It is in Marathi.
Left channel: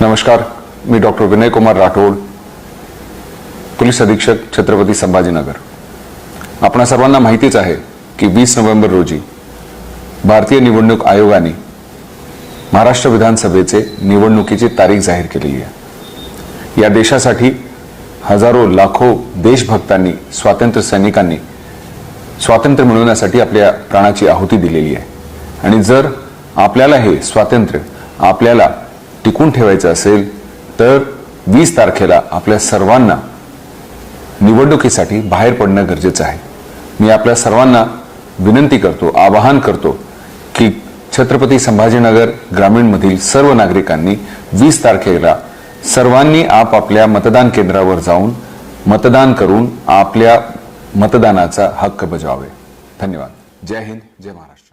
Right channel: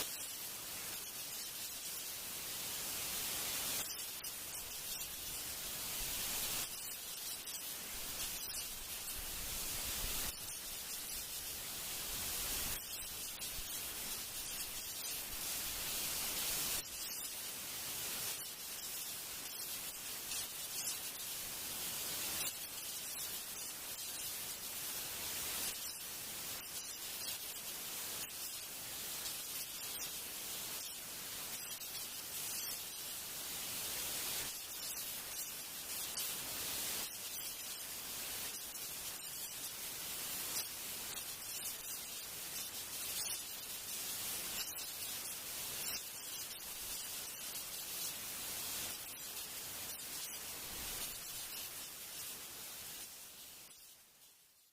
नमस्कार, मी डॉक्टर विनय कुमार राठोड, पोलीस अधीक्षक छत्रपती संभाजीनगर। आपणा सर्वांना माहितीच आहे की 20 नोव्हेंबर रोजी भारतीय निवडणूक आयोगाने महाराष्ट्र विधानसभेचे निवडणुकीची तारीख जाहीर केली आहे। या देशासाठी हजारो लाखो देशभक्तांनी, स्वातंत्र्य सैनिकांनी स्वातंत्र्य मिळवण्यासाठी आपल्या प्राणाची आहुती दिलेली आहे। आणि जर आपल्याला हे स्वातंत्र्य आपल्याला टिकून ठेवायचं असेल तर 20 तारखेला आपल्या सर्वांना निवडणुकीसाठी बाहेर पडणं गरजेचं आहे। मी आपल्या सर्वांना विनंती करतो, आवाहन करतो की छत्रपती संभाजीनगर ग्रामीण मधील सर्व नागरिकांनी 20 तारखेला सर्वांनी आपापल्या मतदान केंद्रावर जाऊन मतदान करून आपल्या मतदानाचा हक्क बजावावे। धन्यवाद। जय हिंद, जय महाराष्ट्र।